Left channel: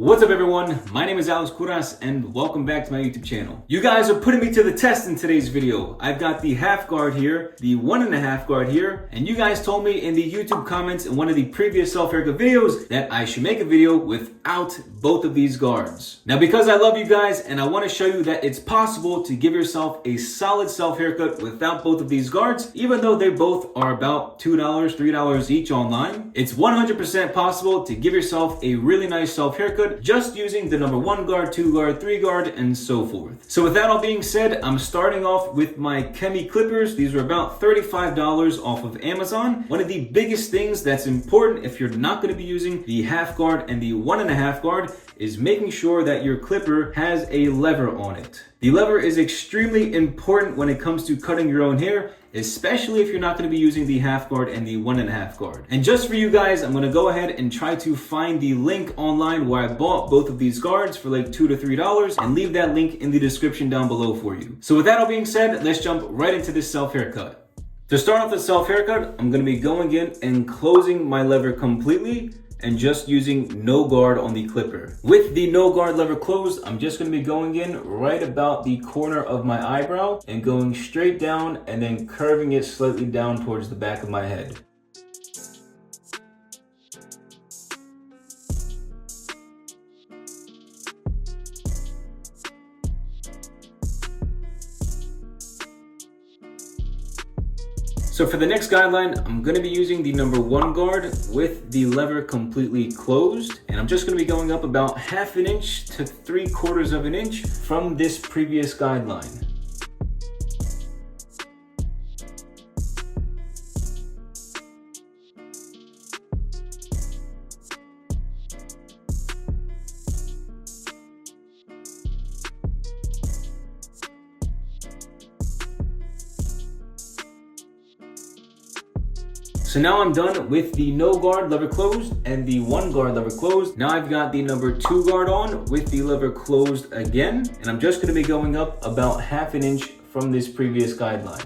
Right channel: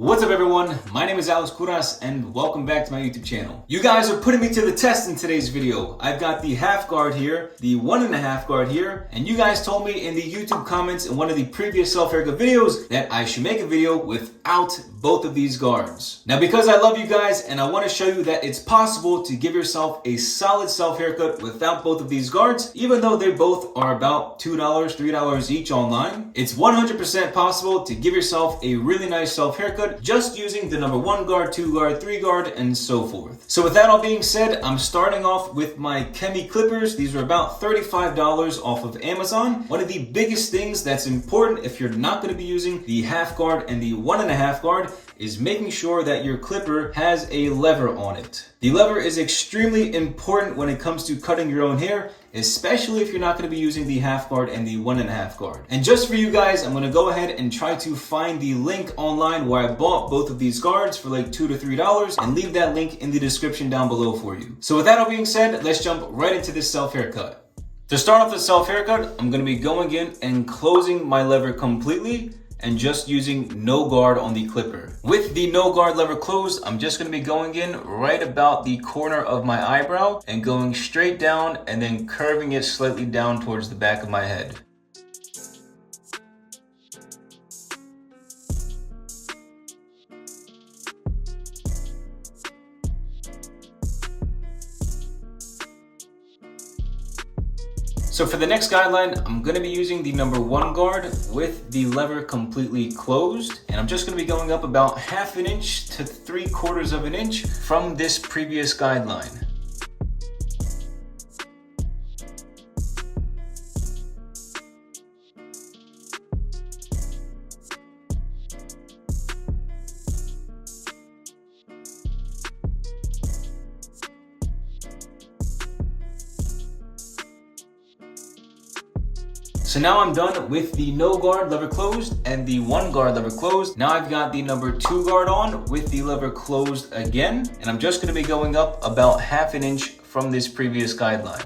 What's up everyone, my name is Alex Kouras and welcome back to my YouTube channel. You guys are putting me to the test in today's video. I've got the half guard here, the 1.5 guard here, and you guys told me in the YouTube comments in one of the previous self-haircut videos that I should make a video without both of these guards. Now because I love you guys and I want to show you that it's possible to give yourself a solid self-haircut without both of these guards, even though they both are about $2, $3 each online, it's 100% possible to give yourself a really nice self-haircut just using the number 1 guard, 2 guard, 3 guard, and so forth. So with that all being said, I'm starting off with my Chemi clippers. These are about $35 off of Amazon. One of the biggest things that's important if you're not going to be using the half guard and the 1.5 guard is making sure that your clipper has a lever on it. The lever is extremely important when it comes to cutting your own hair, especially if you're not going to be using the half guard and the 1.5 guard. And just for you guys, I'm going to go ahead and try to find the link online where I bought both of these guards for like $2 to $3 and leave that link in the description down below for you. So with that all being said, let's jump right into this self-haircut. To start off the self-haircut, I'm going to be going in and closing my lever completely and just using no guard on the clipper. With the no guard lever closed, I'm just gonna be going in right about the corner of my eyebrow and going straight down and then curving it slightly down towards the back of my head. So for the next guideline, I'm going to be using the number 1 guard with the lever completely closed. And I'm just going to be going up about 1/2 inch to 3/4 inch from this previous guideline. So now I'm done with the no guard lever closed and the 1 guard lever closed. Now I've got the number 2 guard on with the lever closed again. And I'm just going to be going up about 1/2 inch from this previous guideline.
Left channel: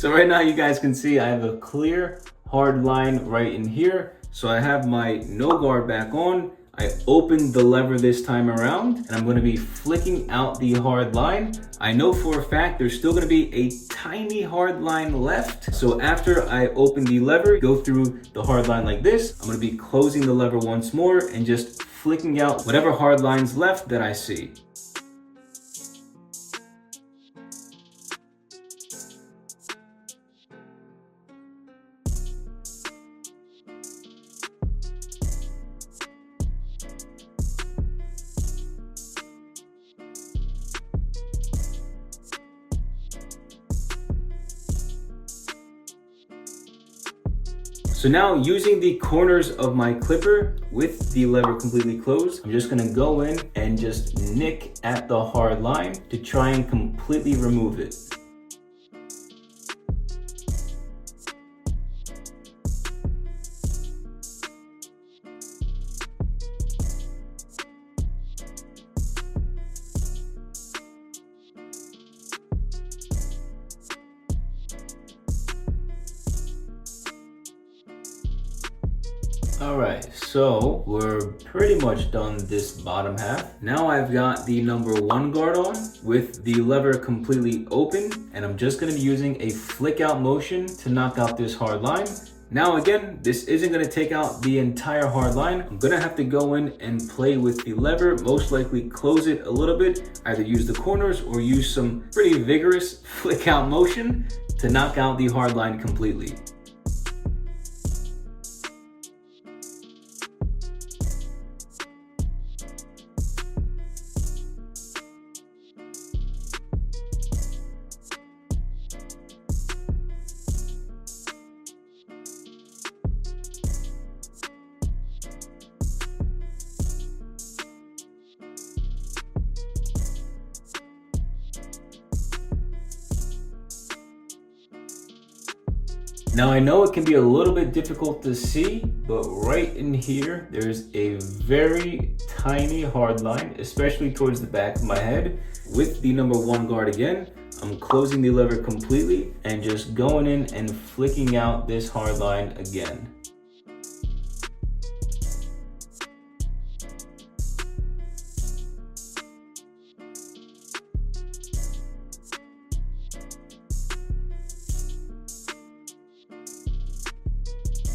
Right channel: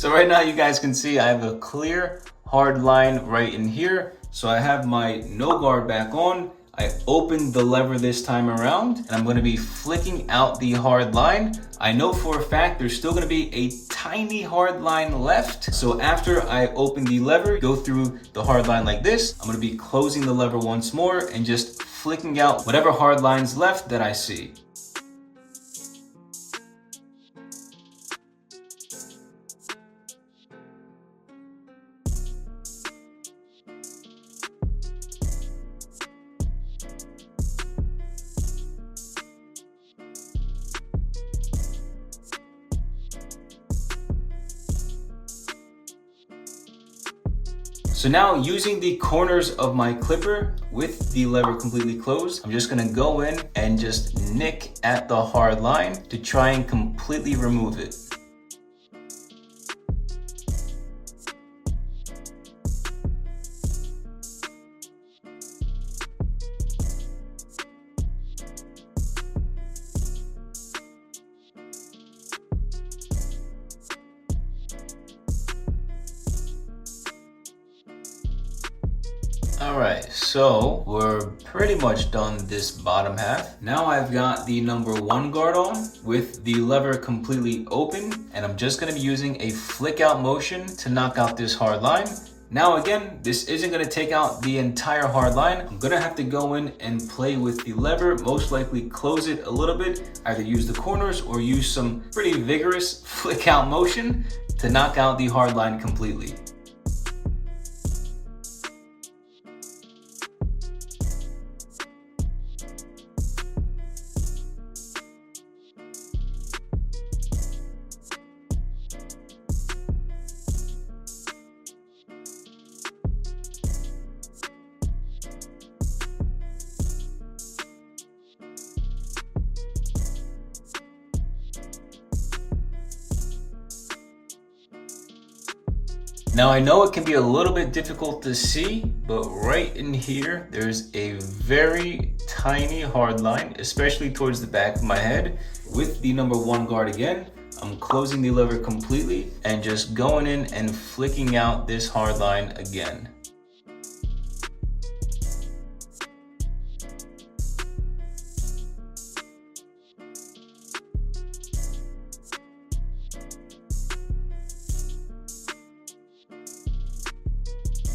So right now you guys can see I have a clear hard line right in here. So I have my no guard back on. I opened the lever this time around and I'm going to be flicking out the hard line. I know for a fact there's still going to be a tiny hard line left. So after I open the lever, go through the hard line like this, I'm going to be closing the lever once more and just flicking out whatever hard lines left that I see. So now using the corners of my clipper with the lever completely closed, I'm just gonna go in and just nick at the hard line to try and completely remove it. Alright, so we're pretty much done this bottom half. Now I've got the number 1 guard on with the lever completely open, and I'm just going to be using a flick out motion to knock out this hard line. Now again, this isn't going to take out the entire hard line. I'm going to have to go in and play with the lever, most likely close it a little bit, either use the corners or use some pretty vigorous flick out motion to knock out the hard line completely. Now I know it can be a little bit difficult to see, but right in here, there's a very tiny hard line, especially towards the back of my head. With the number 1 guard again, I'm closing the lever completely and just going in and flicking out this hard line again.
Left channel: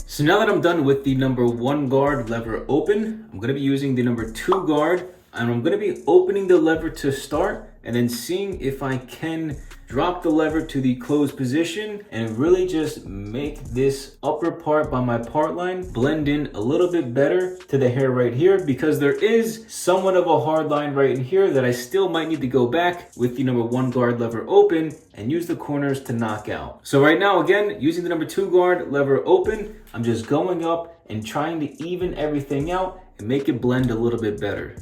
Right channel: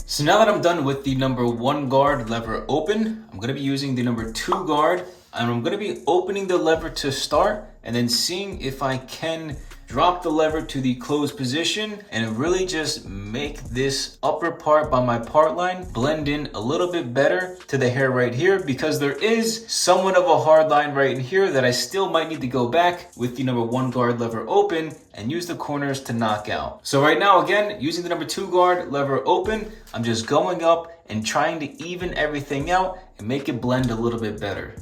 So now that I'm done with the number 1 guard lever open, I'm gonna be using the number 2 guard, and I'm gonna be opening the lever to start and then seeing if I can drop the lever to the closed position and really just make this upper part by my part line blend in a little bit better to the hair right here, because there is somewhat of a hard line right in here that I still might need to go back with the number 1 guard lever open and use the corners to knock out. So right now, again, using the number 2 guard lever open, I'm just going up and trying to even everything out and make it blend a little bit better.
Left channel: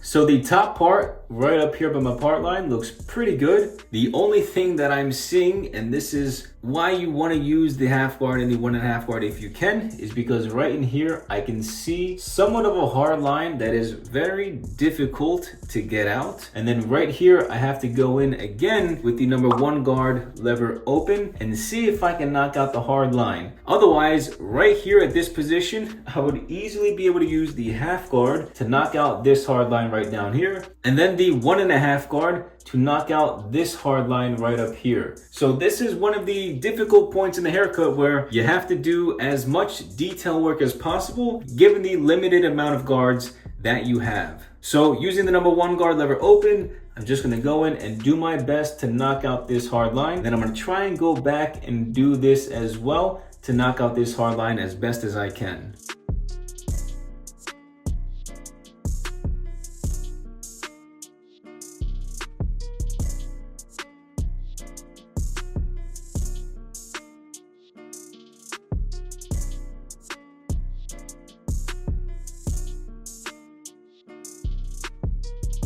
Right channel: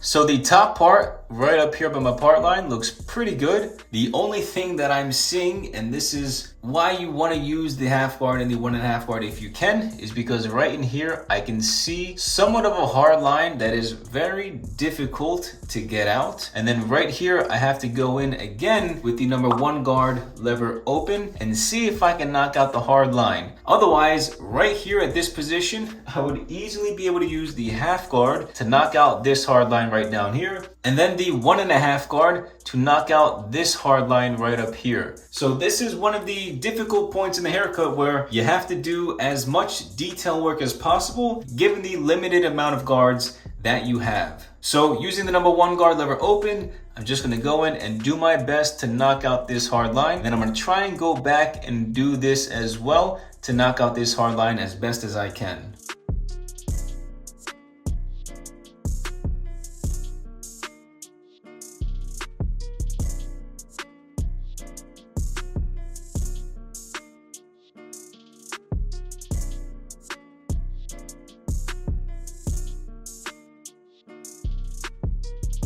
So the top part right up here by my part line looks pretty good. The only thing that I'm seeing, and this is why you want to use the half guard and the 1.5 guard if you can, is because right in here I can see somewhat of a hard line that is very difficult to get out. And then right here I have to go in again with the number 1 guard lever open and see if I can knock out the hard line. Otherwise, right here at this position, I would easily be able to use the half guard to knock out this hard line right down here, and then the 1.5 guard to knock out this hard line right up here. So this is one of the difficult points in the haircut where you have to do as much detail work as possible given the limited amount of guards that you have. So using the number 1 guard lever open, I'm just gonna go in and do my best to knock out this hard line. Then I'm gonna try and go back and do this as well to knock out this hard line as best as I can.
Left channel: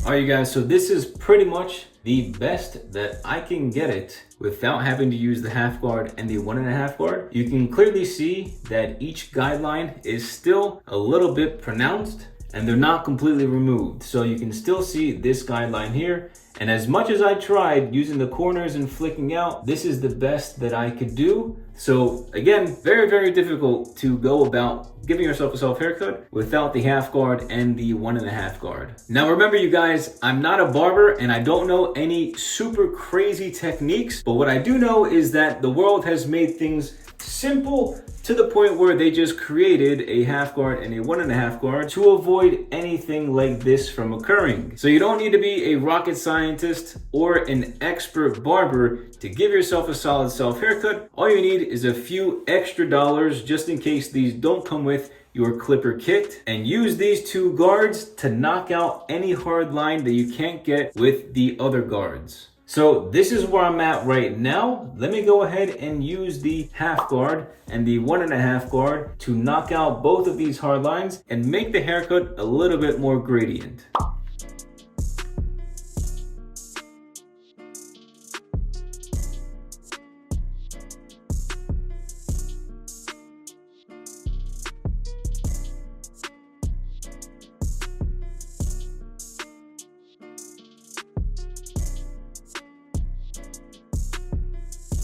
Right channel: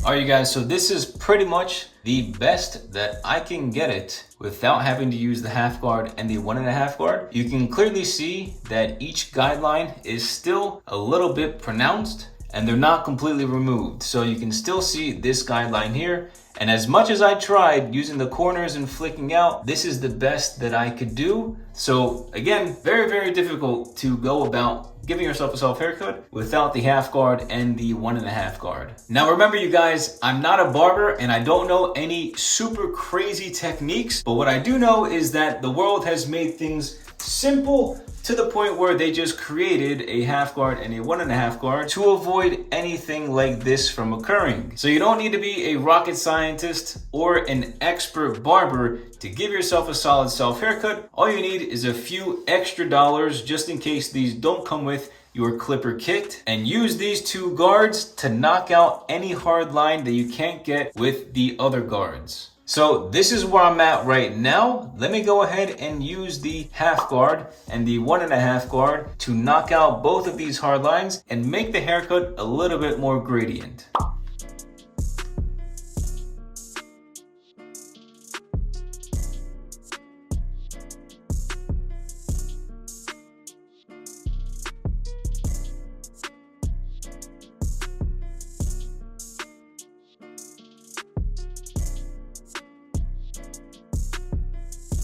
All right, you guys, so this is pretty much the best that I can get it without having to use the half guard and the 1.5 guard. You can clearly see that each guideline is still a little bit pronounced and they're not completely removed. So you can still see this guideline here. And as much as I tried using the corners and flicking out, this is the best that I could do. So again, very, very difficult to go about giving yourself a self haircut without the half guard and the 1.5 guard. Now remember, you guys, I'm not a barber and I don't know any super crazy techniques, but what I do know is that the world has made things simple to the point where they just created a half guard and a 1.5 guard to avoid anything like this from occurring. So you don't need to be a rocket scientist or an expert barber to give yourself a solid self haircut. All you need is a few extra dollars just in case these don't come with your clipper kit, and use these 2 guards to knock out any hard line that you can't get with the other guards. So this is where I'm at right now. Let me go ahead and use the half guard and the 1.5 guard to knock out both of these hard lines and make the haircut a little bit more gradient.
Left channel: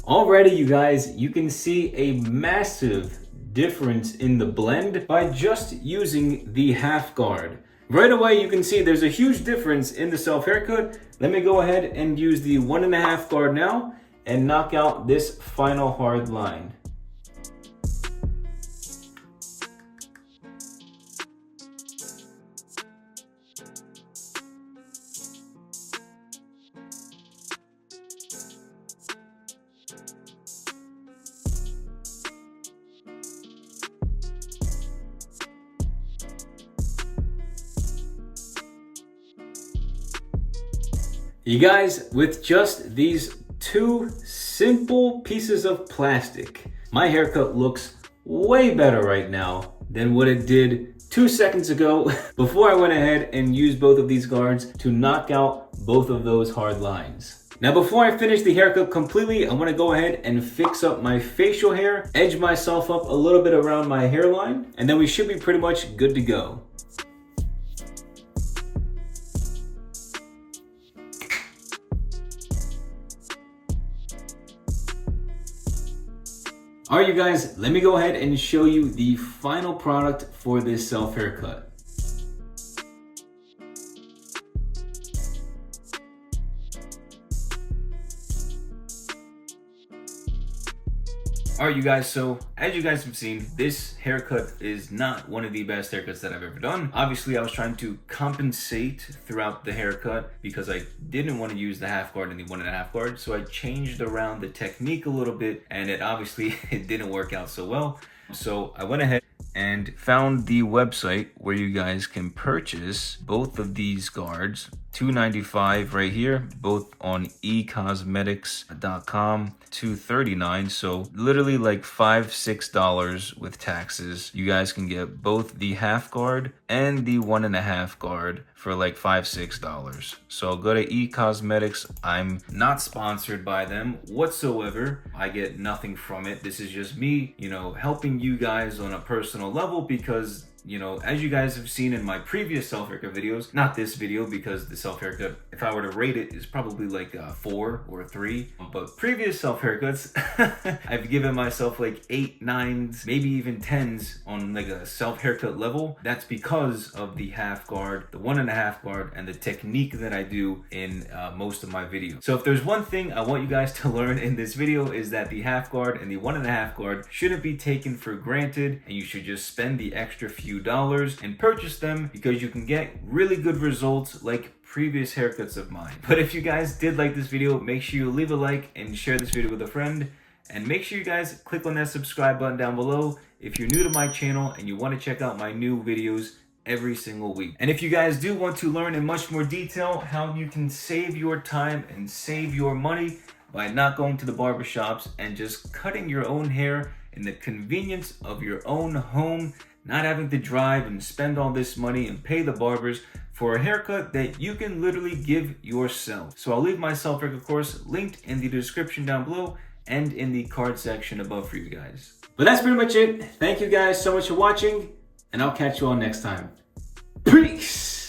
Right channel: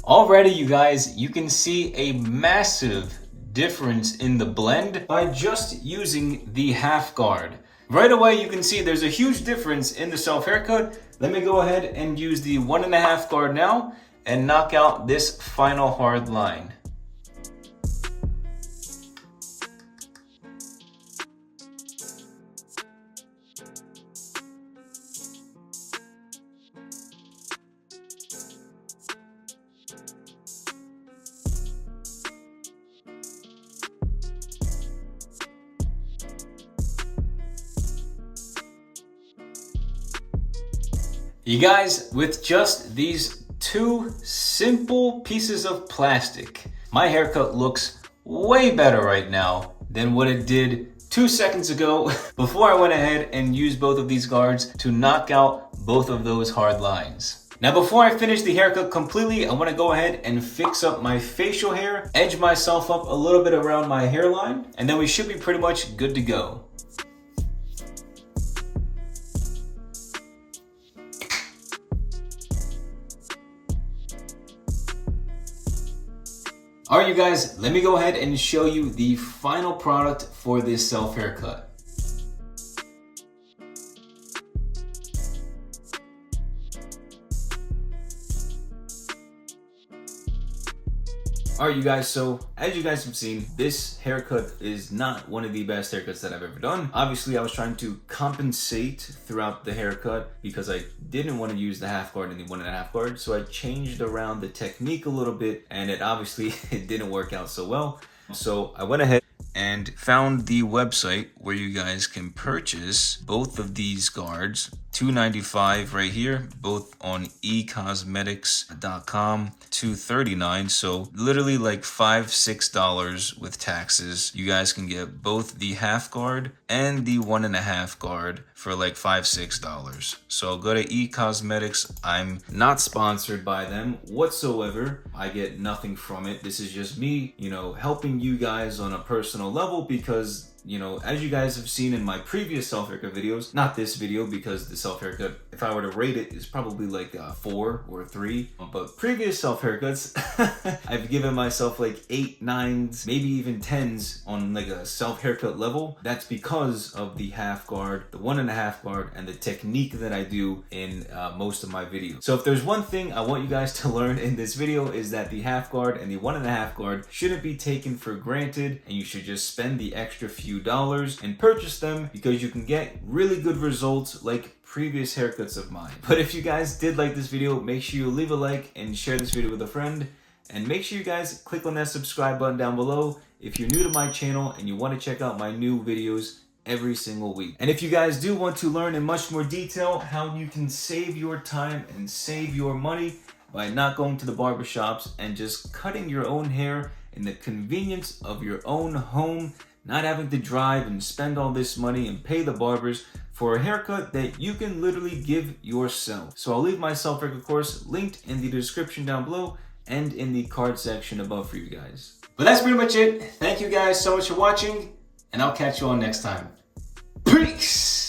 Already, you guys, you can see a massive difference in the blend by just using the half guard. Right away, you can see there's a huge difference in the self haircut. Let me go ahead and use the 1.5 guard now and knock out this final hard line. You guys, with just these two simple pieces of plastic. My haircut looks way better right now than what it did 2 seconds ago before I went ahead and used both of these guards to knock out both of those hard lines. Now before I finish the haircut completely, I want to go ahead and fix up my facial hair, edge myself up a little bit around my hairline, and then we should be pretty much good to go. Alright you guys, let me go ahead and show you the final product for this self haircut. Alright you guys, so as you guys have seen, this haircut is not one of the best haircuts that I've ever done. Obviously I was trying to compensate throughout the haircut because I didn't want to use the half guard and the 1.5 guard, so I changed around the technique a little bit, and it didn't work out so well. So I went ahead and found the website where you guys can purchase both of these guards. $295 right here, both on ecosmetics.com. $239, so literally like $5-6 with taxes. You guys can get both the half guard and the 1.5 guard for like $5-6. So go to eCosmetics. I'm not sponsored by them whatsoever. I get nothing from it. This is just me, helping you guys on a personal level because as you guys have seen in my previous self haircut videos, not this video because the self haircut, if I were to rate it, is probably like a 4 or a 3. But previous self haircuts, I've given myself like 8, 9s, maybe even 10s on like a self haircut level. That's because of the half guard, the 1.5 guard, and the technique that I do in most of my videos. So if there's one thing I want you guys to learn in this video is that the half guard and the 1.5 guard shouldn't be taken for granted, and you should just spend the extra few dollars and purchase them because you can get really good results like previous haircuts of mine. But if you guys did like this video, make sure you leave a like and share this video with a friend, and make sure you guys click on that subscribe button down below if you're new to my channel and you want to check out my new videos every single week. And if you guys do want to learn in much more detail how you can save your time and save your money by not going to the barbershops and just cutting your own hair in the convenience of your own home, not having to drive and spend all this money and pay the barbers for a haircut that you can literally give yourself. So I'll leave my self haircut course linked in the description down below and in the card section above for you guys. But that's pretty much it. Thank you guys so much for watching, and I'll catch you all next time. Peace!